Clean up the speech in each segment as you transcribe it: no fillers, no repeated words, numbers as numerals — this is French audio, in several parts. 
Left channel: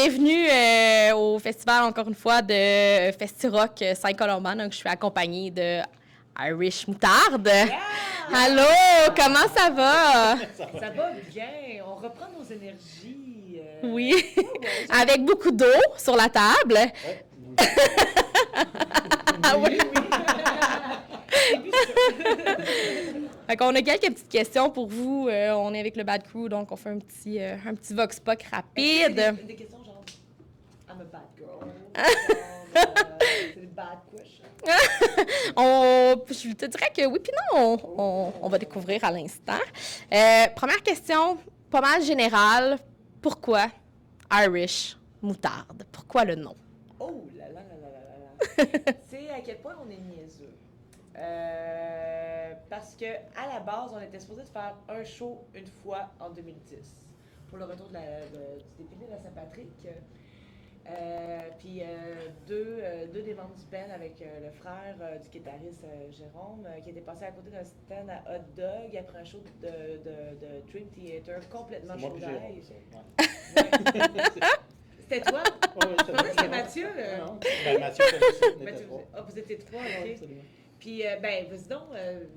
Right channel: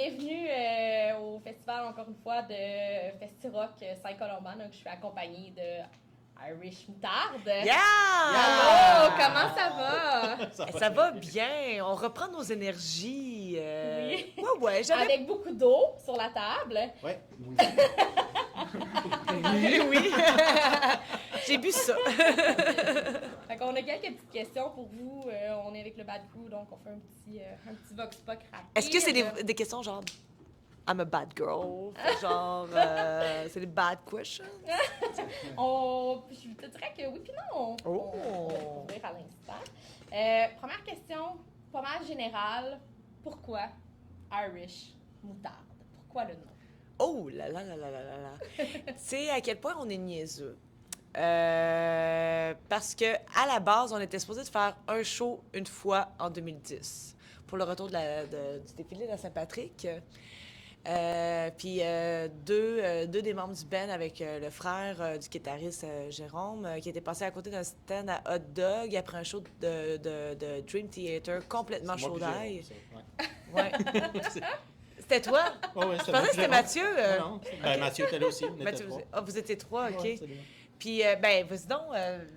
bienvenue au festival, encore une fois, de Festi-Rock Saint-Colomban. Donc, je suis accompagnée de Irish Moutarde. Yeah! Allô, comment ça va? Ça va bien. On reprend nos énergies. Oui. Ouais, Avec beaucoup d'eau sur la table. Ouais. Ah oui. J'ai vu ça. Fait qu'on a quelques petites questions pour vous. On est avec le Bad Crew, donc on fait un petit vox pop rapide. Est-ce que c'est des questions genre I'm a bad girl? Genre, c'est des bad questions? Je te dirais que oui, puis non, on va découvrir à l'instant. Première question, pas mal générale. Pourquoi Irish Moutarde? Pourquoi le nom? Oh là là là là là là là. Tu sais à quel point on est niaiseux. Parce que à la base, on était supposé de faire un show une fois en 2010 pour le retour du défilé de la Saint-Patrick. Puis deux des membres du band avec le frère du guitariste Jérôme qui était passé à côté d'un stand à hot dog après un show de Dream Theater complètement chaud d'ail. Ouais. C'était toi? Oh, oui, Je pensais que c'était Mathieu. Non. Ben, Mathieu était là aussi. On était Mathieu, trois. ah, vous étiez trois, OK. Ouais, absolument. Puis, vas-y donc,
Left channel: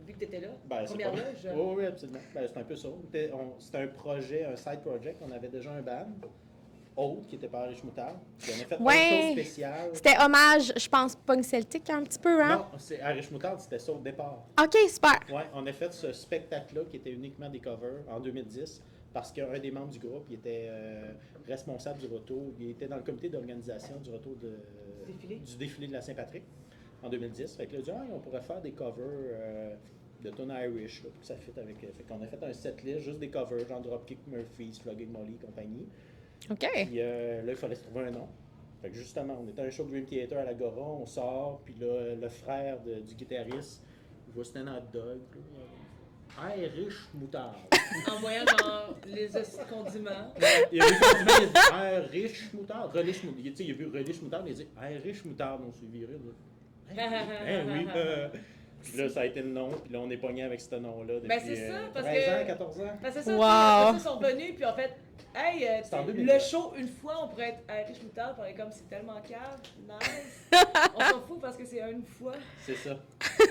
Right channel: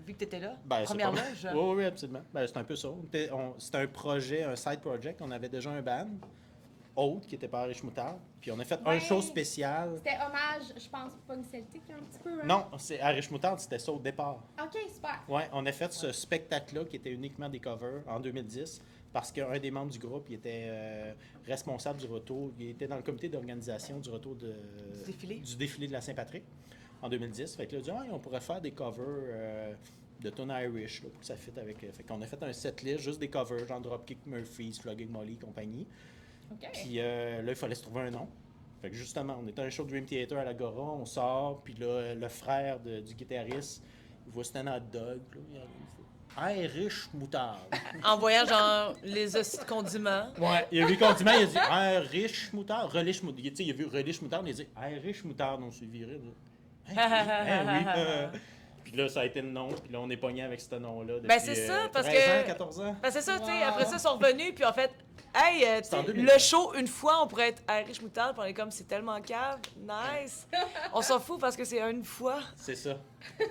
vu que tu étais là, Ben, première c'est loge. Oui, absolument. Ben, c'est un peu ça. C'était un projet, un side project. On avait déjà un band, autre, qui était par Irish Moutarde. Puis on a fait Ouais. une chose spéciale. C'était hommage, je pense, punk celtique un petit peu, hein? Non, c'est Irish Moutarde, c'était ça au départ. OK, super. Ouais, on a fait ce spectacle-là qui était uniquement des covers en 2010 parce qu'un des membres du groupe, il était responsable du retour, il était dans le comité d'organisation du retour du défilé de la Saint-Patrick en 2010. Fait que là, il a dit, on pourrait faire des covers de tunes Irish, là, pour que ça fit avec... fait qu'on a fait un setlist, juste des covers, genre Dropkick Murphys, Flogging Molly et compagnie. OK. Puis là, il fallait se trouver un nom. Fait que justement, on était à un show de Dream Theater à l'Agora, on sort, puis là, le frère du guitariste voit c'était un hot dog. Irish Moutarde. En voyant, genre, les hosties de condiments. Ouais, il a vu le condiment, il a dit Irish Moutarde, Relish Moutarde. Il a vu Relish Moutarde, il a dit Irish Moutarde, on s'est viré. Oui. Puis là, ça a été le nom, puis là, on est pogné avec ce nom-là depuis Ben, c'est ça, parce 13 que... ans, 14 ans. Ben, c'est ça, Wow. tu sais, après ça, ils sont revenus, puis en fait, hey, tu C'est en sais, 2009. le show, une fois, on pourrait être Irish Moutarde, puis on est comme, c'est tellement cave, nice. On s'en fout parce que c'est une fois. C'est ça. Mais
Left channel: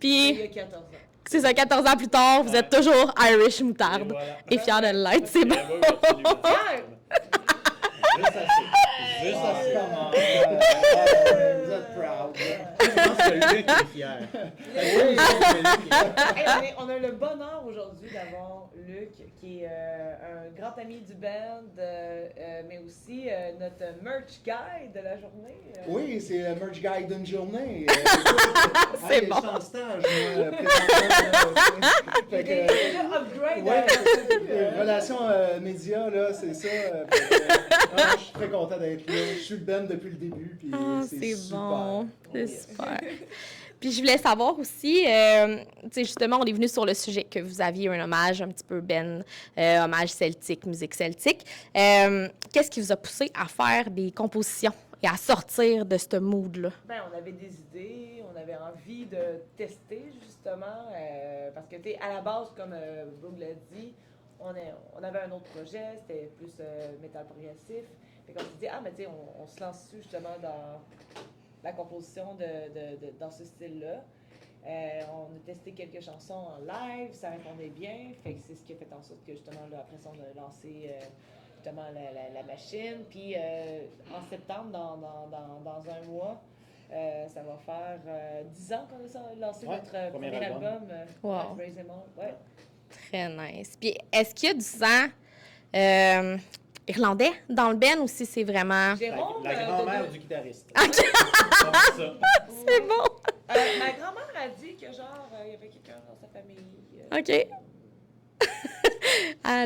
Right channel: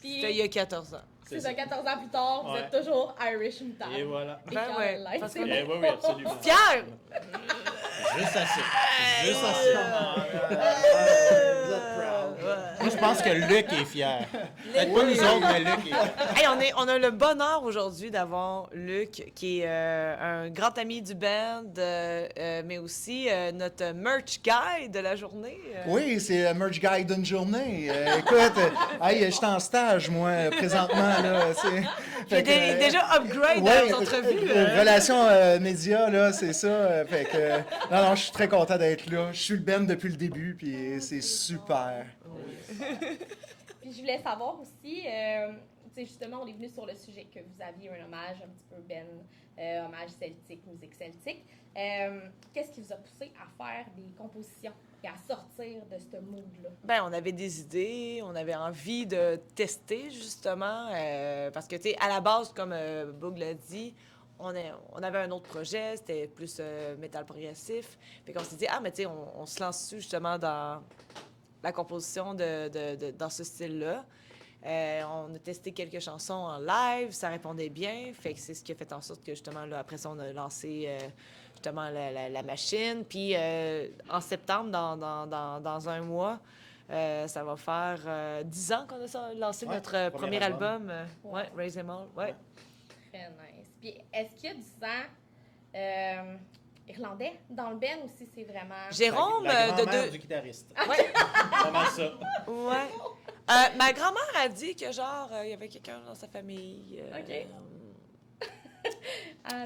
Puis, il y a 14 ans. c'est ça, 14 ans plus tard, vous êtes toujours Irish Moutarde. Et voilà. Et fiers Ouais, de l'être, c'est bon. Oui, absolument. Fier! Juste assez. Juste assez. Vous êtes proud. Je pense que Luc est fier. Peut-être pas nous autres, mais Luc est fier. Hey, on a le bonheur aujourd'hui d'avoir Luc, qui est un grand ami du band, mais aussi notre merch guy de la journée. Oui, c'est le merch guy d'une journée. Écoute, hey, je suis en stage, moi, présentement. Là, Il est déjà upgrade. Oui, hein, relation média, là, c'est ça. Fait que, non, je suis très content d'être là. Je suis le Ben depuis le début, puis c'est super. Bon. C'est super. Puis je voulais savoir aussi, tu sais, justement, on est venu sur le sujet que vous aviez un hommage un petit peu hommage celtique, musique celtique. Qu'est-ce qui vous a poussé à faire des compositions et à sortir de ce mood-là? Ben, on avait des idées, on avait envie de tester, justement, parce que, tu sais, à la base, comme Boog l'a dit, on avait un autre projet, c'était plus métal progressif. Puis qu'on s'est dit, mais tu sais, on se lance dessus, justement, dans la composition dans ce style-là. On a testé quelques chansons en live, ça répondait bien, fait que c'est ce qui a fait en sorte que, justement, là, après ça, on a lancé... justement la machine. Puis en septembre, dans un mois, ça va faire 10 ans qu'on a lancé notre premier album. Wow. Raise Them All. Ouais. Très nice. Puis est-ce qu'il y a du sang irlandais dans le band ou si c'est vraiment... Jérôme, La de grand-mère deux. du guitariste. Ouais. C'est pas ça. C'est bon. Ma grand-mère a dit que, genre, il y avait quelqu'un dans sa famille. OK.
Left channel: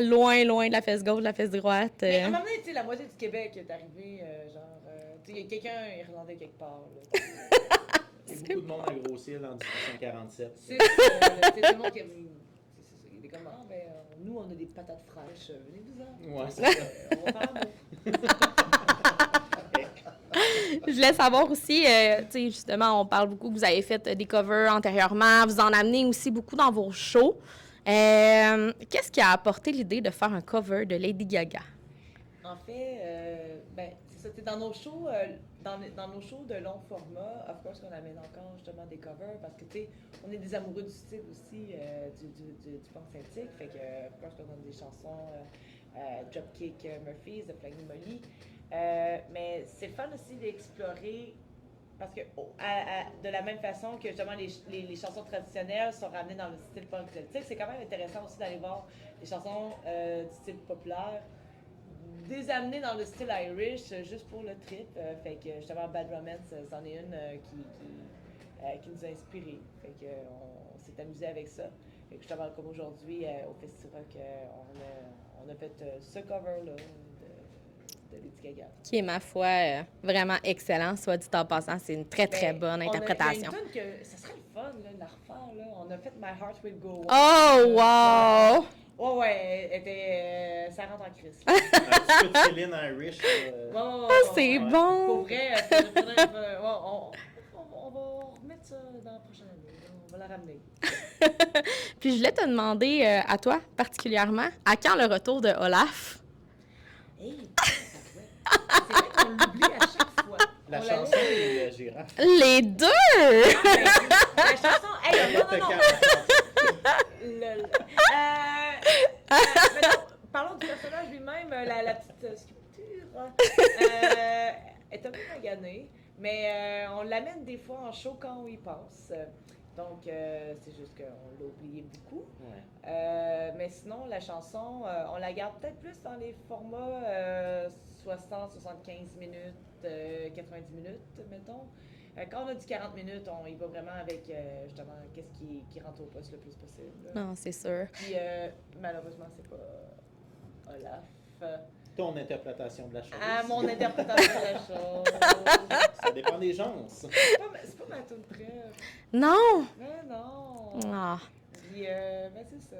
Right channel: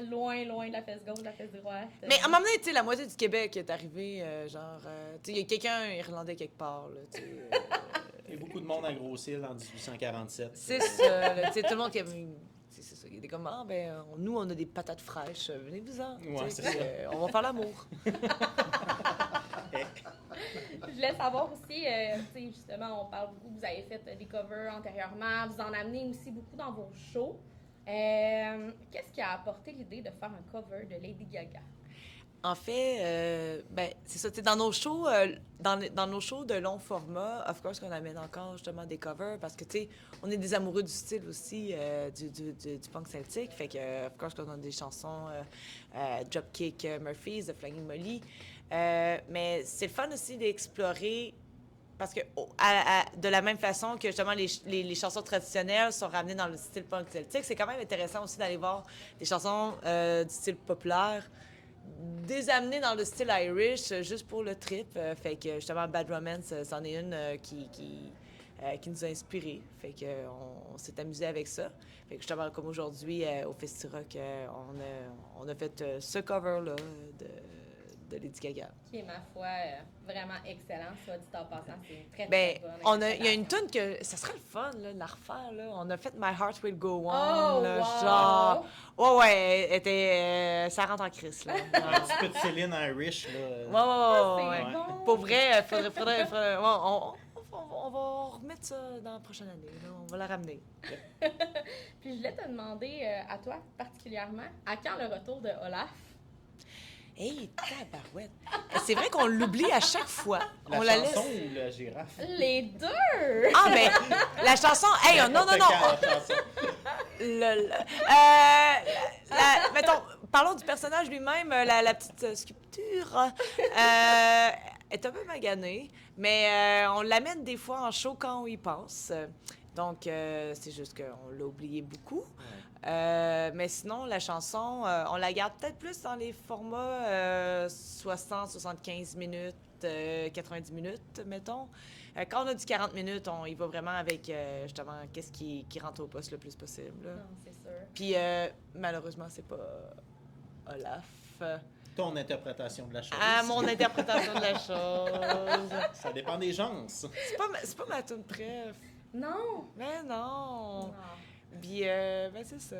Loin de la fesse gauche, de la fesse droite. Mais à un moment donné, tu sais, la moitié du Québec est arrivé, genre, tu sais, il y a quelqu'un irlandais quelque part, là, tu sais. Il y a beaucoup de monde à grossir en 1847. C'est ça, là, tu sais, tout le monde qui avait... C'est ça, il était comme, nous, on a des patates fraîches, venez-vous-en. Ouais, Tu sais, c'est ça. on va faire l'amour. Je voulais savoir aussi, tu sais, justement, on parle beaucoup que vous avez fait des covers antérieurement, vous en amenez aussi beaucoup dans vos shows. Qu'est-ce qui a apporté l'idée de faire un cover de Lady Gaga? En fait, c'est ça. Dans nos shows, dans nos shows de long format, of course qu'on amène encore justement des covers parce que, tu sais, on est des amoureux du style aussi, du punk celtique. Fait que, of course, qu'on a des chansons Dropkick Murphys, The Flying Molly. Mais c'est le fun aussi d'explorer parce que de la même façon que justement les chansons traditionnelles sont ramenées dans le style punk celtique, c'est quand même intéressant aussi d'aller voir des chansons du style populaire des amener dans le style Irish juste pour le trip. Fait que justement Bad Romance, c'en est une qui nous a inspirés. Fait que on s'est amusé avec ça. Fait que justement comme aujourd'hui au Festi-Rock, on a fait ce cover-là de Lady Gaga. Qui est, ma foi, vraiment excellent, soit dit en passant. C'est une très, très bonne Il y a interprétation. une tune que ça serait le fun, là, de la refaire. Là. On a fait My Heart Will Go On. Oh, wow! Ouais, elle était, ça rentre en crise. Un petit peu de Céline Irish. C'est bon! Pour vrai, on va remettre ça dans la prochaine année. Là. On va la ramener. Puis je voulais te demander, à toi particulièrement, à quand le retour de Olaf? Hey, tabarouette. C'est vrai qu'on l'oublie à chaque fois. La On chanson la laisse. et la girafe. Les deux! Ah, ben, la chanson. Hey, non. Mettons, parlons du personnage lui-même, la petite sculpture. Est un peu maganée, mais on l'amène des fois en show quand on y pense. Donc, c'est juste qu'on l'a oublié beaucoup. Mais sinon, la chanson, on la garde peut-être plus dans les formats 60, 75 minutes, 90 minutes, mettons. Quand on a du 40 minutes, on y va vraiment avec, justement, qu'est-ce qui rentre au poste le plus possible. Non, c'est sûr. Puis, malheureusement, c'est pas Olaf. Ton interprétation de la chose. Ah, mon interprétation de la chose. Ça dépend des gens. C'est pas ma tune préf. Non! Mais non! Ah. Puis, c'est ça.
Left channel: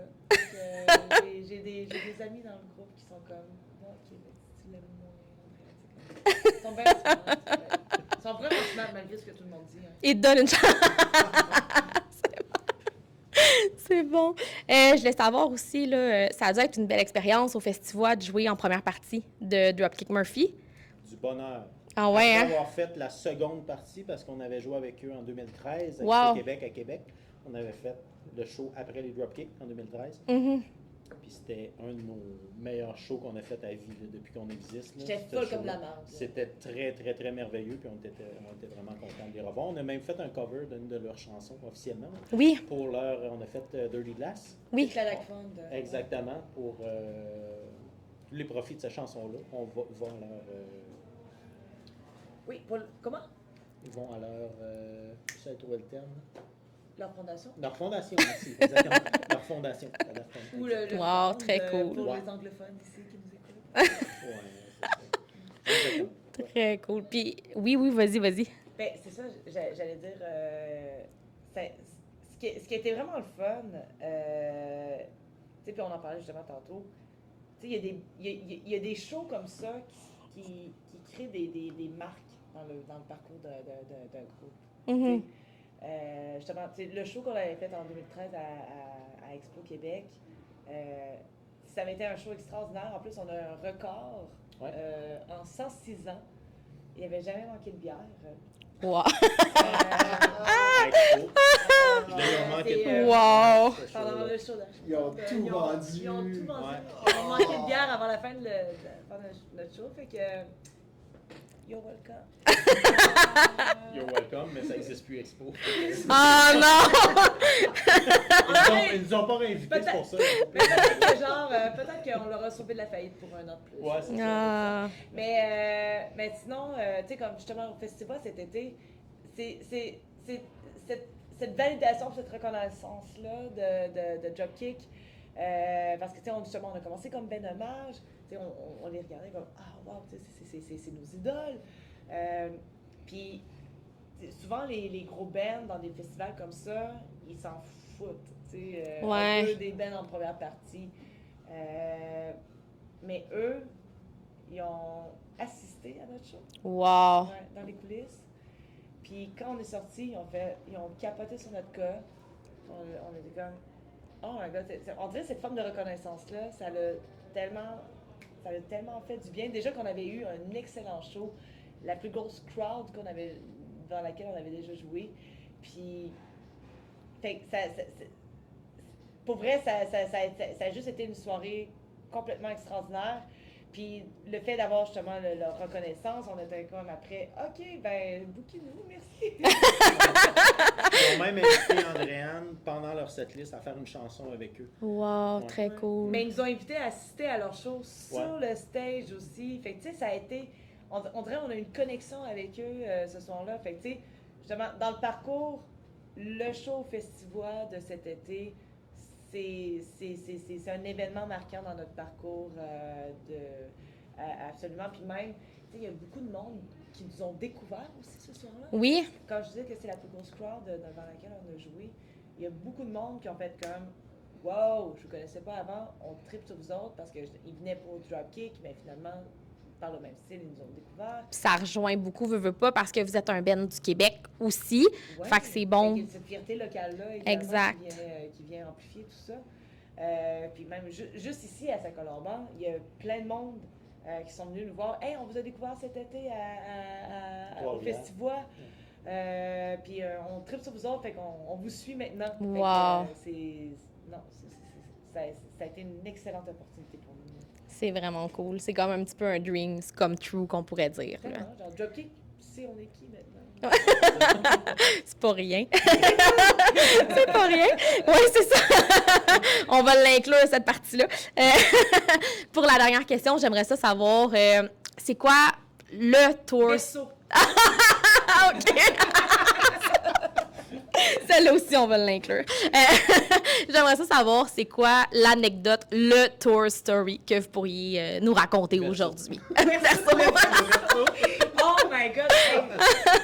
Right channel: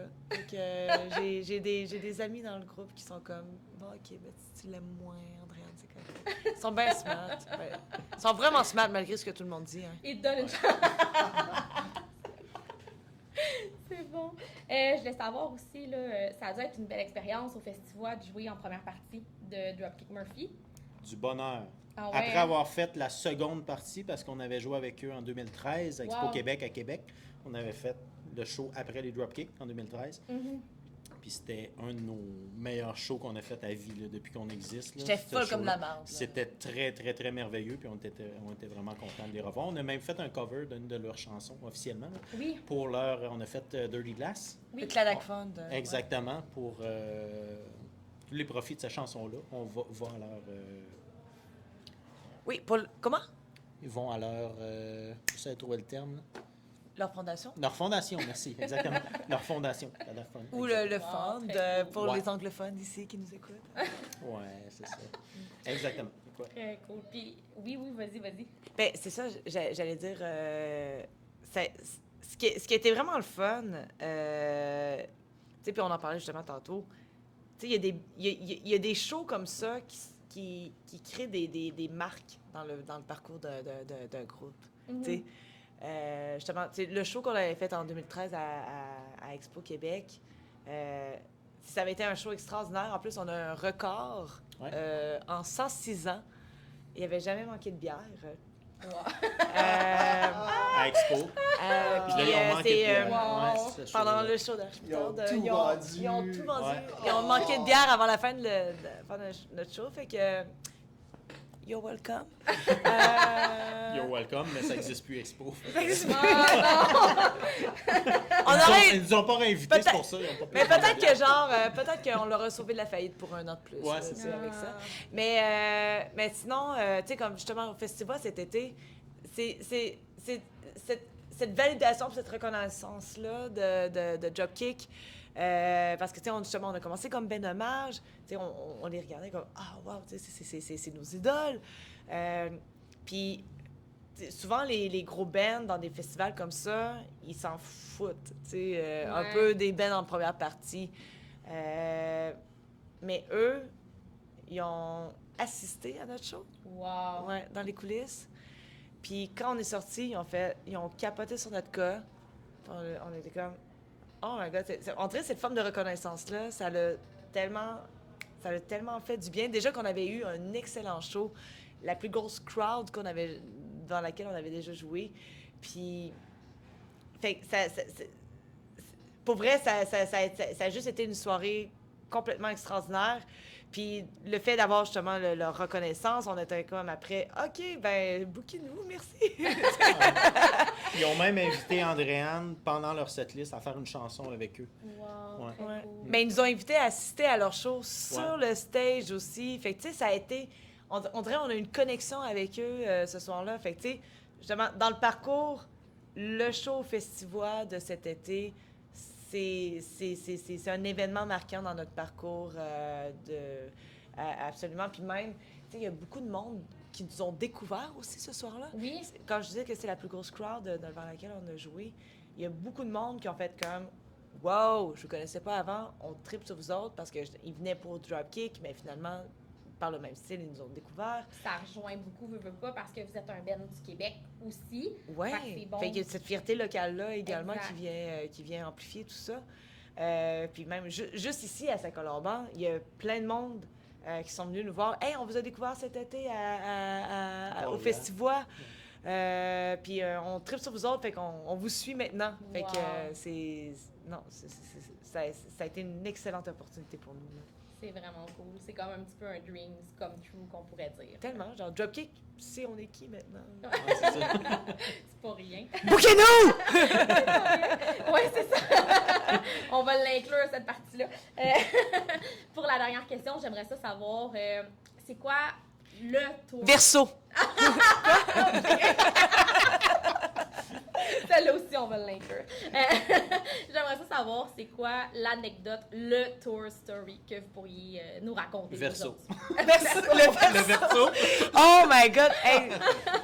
Donc, j'ai des amis dans le groupe qui sont comme, bon, OK, ben, tu l'aimes moins, Andrea, tu sais, comme. Ils sont bien smart. Ils sont vraiment smart malgré ce que tout le monde dit. Hein. Il te donne une chance. C'est bon. Je voulais savoir aussi, là, ça a dû être une belle expérience au festival de jouer en première partie de Dropkick Murphy. Du bonheur. Ah ouais, Après hein? avoir fait la seconde partie, parce qu'on avait joué avec eux en 2013, Wow. au Québec, à Québec. On avait fait le show après les Dropkick en 2013. Mm-hmm. Puis c'était un de nos meilleurs shows qu'on a fait à vie là, depuis qu'on existe. là. J'étais Ce folle comme show-là. la marde. C'était très, très, très merveilleux. Puis on était vraiment contents de les revoir. On a même fait un cover d'une de leurs chansons officiellement. Oui, Pour leur, on a fait Dirty Glass. oui. Toute la Lac Fund. Exactement. Pour tous les profits de cette chanson-là, on va à leur... Oui, comment? ils vont à leur... je sais trouver le terme. Là. Leur fondation? Leur fondation, merci. Exactement. Leur fondation. À la fin. Ou le Wow, fund, très cool. pour Ouais. les anglophones ici qui nous écoutent. Ouais, c'est ça. Exactement. Ouais. Très cool. Puis, oui, vas-y. Ben, c'est ça, j'allais dire. Ce qui était vraiment le fun, tu sais, puis on en parlait justement tantôt, tu sais, il y a des shows comme ça qui créent des marques dans le parcours d'un groupe. Mhm. Tu sais, justement, tu sais, le show qu'on avait fait en 2013 à Expo Québec, ça avait été un show extraordinaire. En plus, on a un record Ouais. en 106 ans. Il n'y avait jamais manqué de bière. Wow. Expo. Puis là, ils ont manqué de Wow. Ouais, ce Pendant show-là. le show d'Ashford, Ils ont tout vendu. Ils ont tout vendu. Ouais. Ils ont manqué de bière avant la fin de notre show. Fait que, you're welcome. You're welcome, mais ça n'existe plus, Expo. Ah non! Ils nous ont pas réinvités, c'est pour ça. Mais peut-être que peut-être qu'on leur a sauvé de la faillite pour un an de plus. Ouais, c'est ça. Ah. Mais sinon, tu sais, comme justement au festival cet été, c'est cette validation, cette reconnaissance-là de Dropkick. Parce que, tu sais, justement, on a commencé comme ben hommage. Tu sais, on les regardait comme, ah, wow, tu sais, c'est nos idoles. Puis, souvent, les gros bands dans des festivals comme ça, ils s'en foutent. Tu sais, Ouais. un peu des bands en première partie. Mais eux, ils ont assisté à notre show. Wow. Ouais, dans les coulisses. Puis quand on est sortis, ils ont capoté sur notre cas. On était comme, oh my god, on dirait cette forme de reconnaissance-là, ça l'a tellement Ça a tellement fait du bien. Déjà qu'on avait eu un excellent show, la plus grosse crowd dans laquelle on avait déjà joué. Puis, fait que pour vrai, ça a juste été une soirée complètement extraordinaire. Puis le fait d'avoir justement leur reconnaissance, on était comme après, OK, ben, bouquez-nous, merci. Ils ont même invité Andréane pendant leur setlist à faire une chanson avec eux. Wow, très cool. Mais ils nous ont invités à assister à leur show sur le stage aussi. Fait que, tu sais, ça a été... On dirait qu'on a une connexion avec eux ce soir-là. Fait que, tu sais, justement, dans le parcours, le show Festivois de cet été, c'est un événement marquant dans notre parcours absolument. Puis même, tu sais, il y a beaucoup de monde qui nous ont découvert aussi ce soir-là. Oui. Quand je disais que c'est la plus grosse crowd devant laquelle on a joué, il y a beaucoup de monde qui ont fait comme « Wow, je ne vous connaissais pas avant, on tripe sur vous autres » parce qu'ils venaient pour Dropkick, mais finalement, par le même style, ils nous ont découvert. Ça rejoint beaucoup, veux pas, parce que vous êtes un band du Québec aussi. Ouais. Fait que c'est bon. Fait qu'il y a cette fierté locale-là, également, exact. qui vient amplifier tout ça. Puis même, juste ici, à Saint-Colomban, il y a plein de monde qui sont venus nous voir. « Hey, on vous a découvert cet été au Festivois. Puis on tripe sur vous autres, fait qu'on vous suit maintenant. » Wow. Fait que ça a été une excellente opportunité pour nous. C'est vraiment cool. C'est comme un petit peu un dream come true qu'on pourrait dire. Tellement. Genre, Dropkick, tu sais, on est qui maintenant? C'est pas rien. OK, non! C'est pas rien. Oui, c'est ça. On va l'inclure, cette partie-là. Pour la dernière question, j'aimerais ça savoir, c'est quoi le tour... Verseau. OK. Celle-là aussi, on va l'inclure. J'aimerais ça savoir, c'est quoi l'anecdote, le tour story que vous pourriez nous raconter aujourd'hui? Verseau. Oh my God!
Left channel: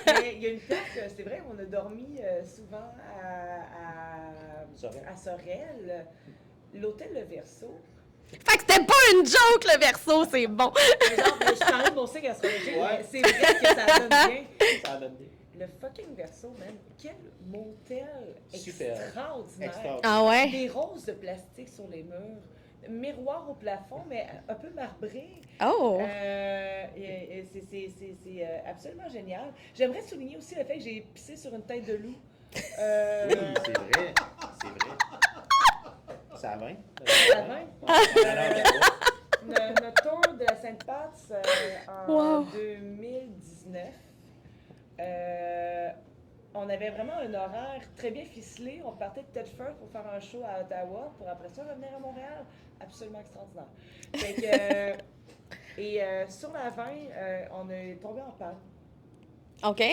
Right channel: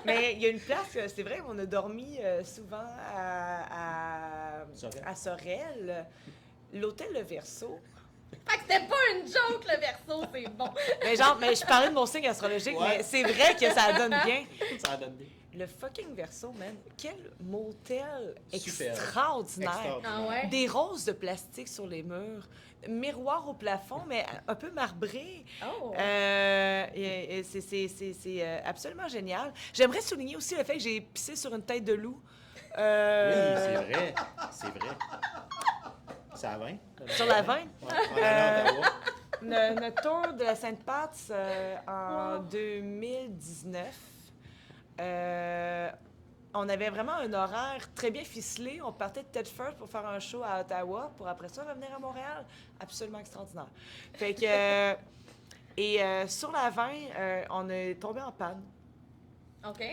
Hey, il y a une place, c'est vrai, on a dormi souvent à Sorel. L'hôtel Le Verseau. Fait que c'était pas une joke, le Verseau, c'est bon. Mais genre, je parlais de mon signe astrologique, mais c'est vrai que ça donne bien. Ça donne bien. Le fucking Verseau, man. Quel motel Super. extraordinaire. Ah ouais? Des roses de plastique sur les murs. Miroir au plafond, mais un peu marbré. Oh! C'est absolument génial. J'aimerais souligner aussi le fait que j'ai pissé sur une tête de loup. Oui, c'est vrai. C'est vrai. Ça a 20? Sur la 20. Notre tour de la Sainte-Pat's en 2019. On avait vraiment un horaire très bien ficelé. On partait de Tedford pour faire un show à Ottawa, pour après ça revenir à Montréal. Absolument extraordinaire. Fait que, sur la 20, on est tombé en panne. OK.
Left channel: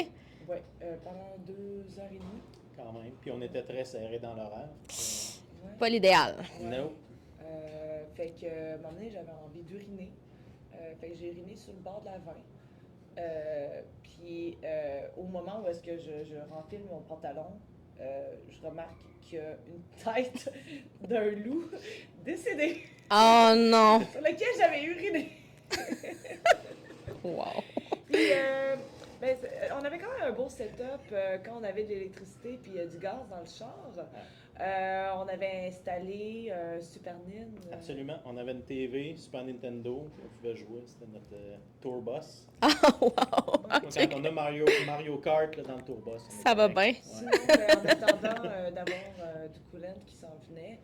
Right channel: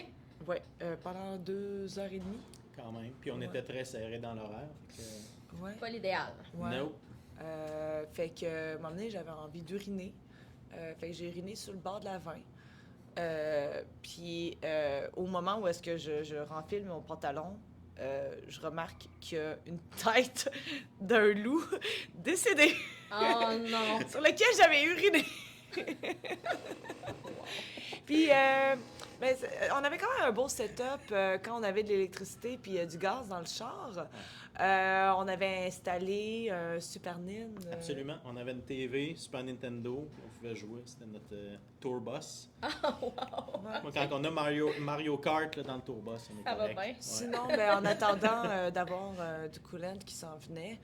Oui, pendant 2h30. Quand même. Puis on était très serrés dans l'horaire. Ouais. Pas l'idéal. Ouais. Nope. Fait que, à un moment donné, j'avais envie d'uriner. Fait que j'ai uriné sur le bord de la 20. Puis au moment où est-ce que je renfile mon pantalon, je remarque qu'il y a une tête d'un loup décédé Oh non! sur lequel j'avais uriné. Wow. Puis on avait quand même un beau setup quand on avait de l'électricité puis du gaz dans le char. On avait installé un Super Nintendo. Absolument. On avait une TV, Super Nintendo, on pouvait jouer. C'était notre tour bus. Oh, wow! Quand on a Mario Kart là, dans le tour bus. Ça va bien. Sinon, en attendant d'avoir du coolant qui s'en venait,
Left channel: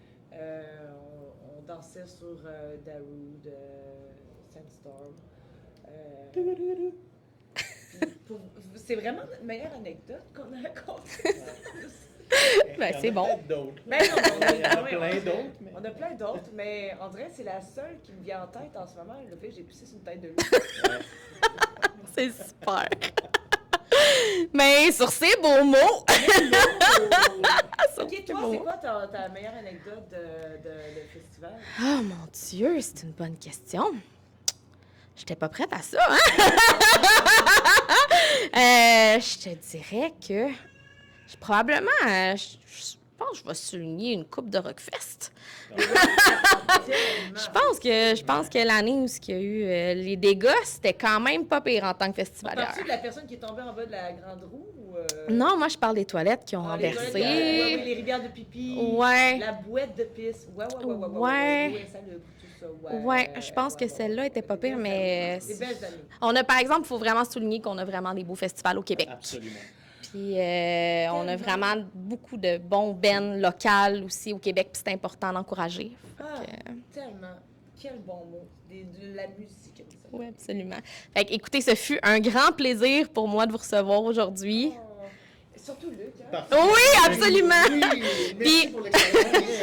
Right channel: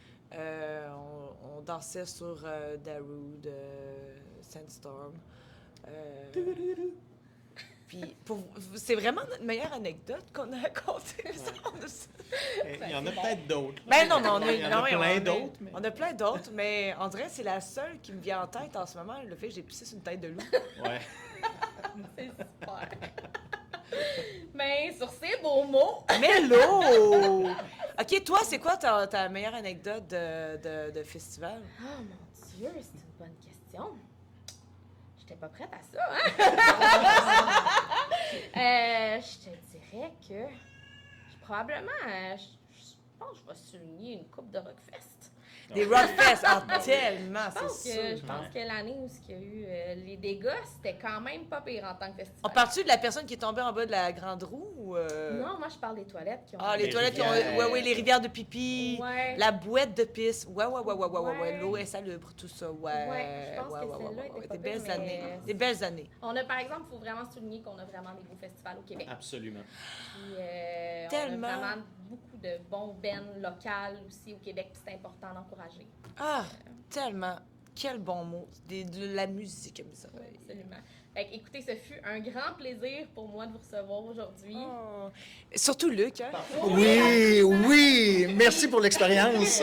on dansait sur Darude, Sandstorm. Puis c'est vraiment notre meilleure anecdote qu'on a racontée. Ben, c'est bon. Ben non, on a, Il y en a plein d'autres. Mais... On a plein d'autres, mais on dirait que c'est la seule qui me vient en tête en ce moment, le fait que j'ai pissé sur une tête de loup. Ouais. C'est super. Mais sur ces beaux mots... Hello! OK, toi, c'est quoi ta meilleure anecdote de festival? Oh mon Dieu, c'est une bonne question. J'étais pas prête à ça, hein? Je te dirais que... probablement... pense que je vais souligner une coupe de Rockfest. Des Rockfest, tellement. Je pense que l'année où il y a eu les dégâts, c'était quand même pas pire en tant que On festival. parle-tu de la personne qui est tombée en bas de la grande roue? Ou Non, moi, je parle des toilettes qui ont les toilettes, renversé. oui, les rivières de pipi, Ouais. la boîte de pisse. Ouais. L'eau est salubre, tout ça. Ouais, je pense que celle-là était pas pire, mais... Des belles années. On a, par exemple, il faut vraiment souligner qu'on a vraiment des beaux festivals au Québec. Absolument. Puis on a vraiment beaucoup de bons bands locales aussi au Québec, puis c'est important d'encourager. Ah, tellement. Quel bon mot. De la musique. Oui, absolument. Fait que, écoutez, ce fut un grand plaisir pour moi de vous recevoir aujourd'hui. Oh. Surtout Luc, hein? Oui, absolument! Oui, merci Puis- pour l'expérience.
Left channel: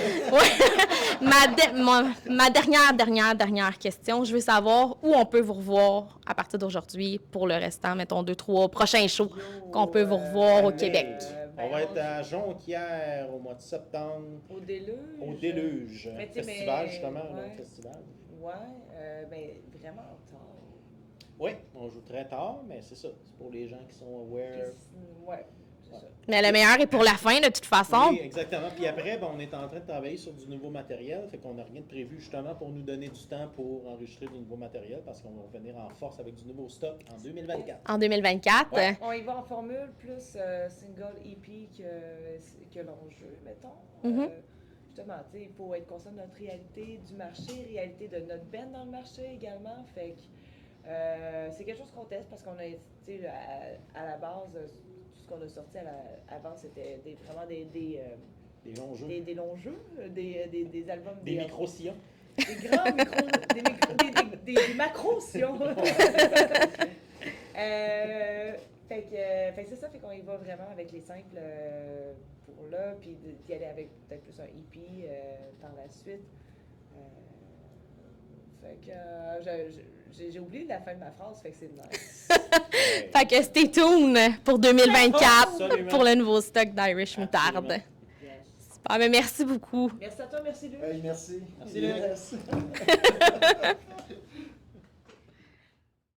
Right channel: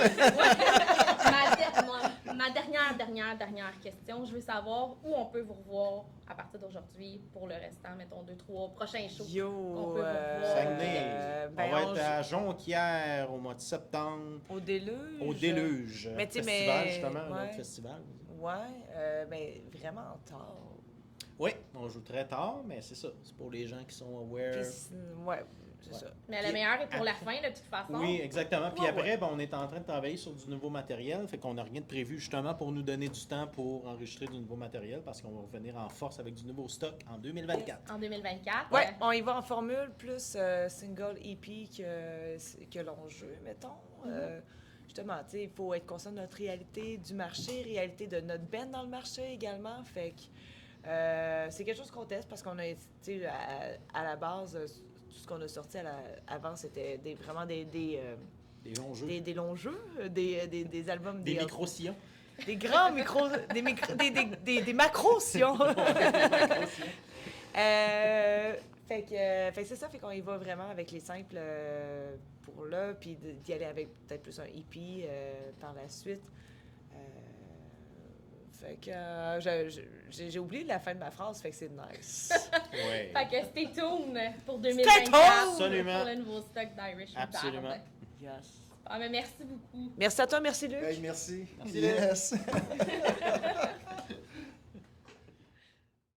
Ma dernière question, je veux savoir où on peut vous revoir à partir d'aujourd'hui pour le restant, mettons, 2, 3 prochains shows qu'on peut vous revoir au Québec. On va être à Jonquière au mois de septembre. Au Déluge. Au Déluge. Mais tu sais, Festival, mais- justement, un ouais. autre festival. Ouais, mais vraiment tard. Oui, on joue très tard, mais c'est ça. C'est pour les gens qui sont aware. Ouais, c'est Ouais. ça. Mais le meilleur est pour la fin, de toute façon. Oui, exactement. Puis Ouais, après, ben, on est en train de travailler sur du nouveau matériel. Fait qu'on n'a rien de prévu justement pour nous donner du temps pour enregistrer du nouveau matériel parce qu'on va revenir en force avec du nouveau stock en 2024. En 2024. Ouais, on y va en formule plus single EP que long jeu, mettons. Mhm. Justement, tu sais, il faut être conscient de notre réalité du marché, réalité de notre band dans le marché également. Fait que c'est quelque chose qu'on teste parce qu'on a, tu sais, à la base, tout ce qu'on a sorti avant, c'était vraiment des Les longs jeux. des longs jeux, des albums, Des micro-sillons. des grands micros, des macros-sions. Fait que c'est ça, fait qu'on y va vraiment avec les simples pour là, puis d'y aller avec peut-être plus un EP par la suite. Fait que j'ai oublié la fin de ma phrase, fait que c'est nice. Ouais. Fait que stay tuned pour 2024 Absolument. pour le nouveau stock d'Irish Absolument. Moutarde. Ah, mais merci beaucoup. Merci à toi, merci Luc. Hey, merci. Merci, Léo. Yes.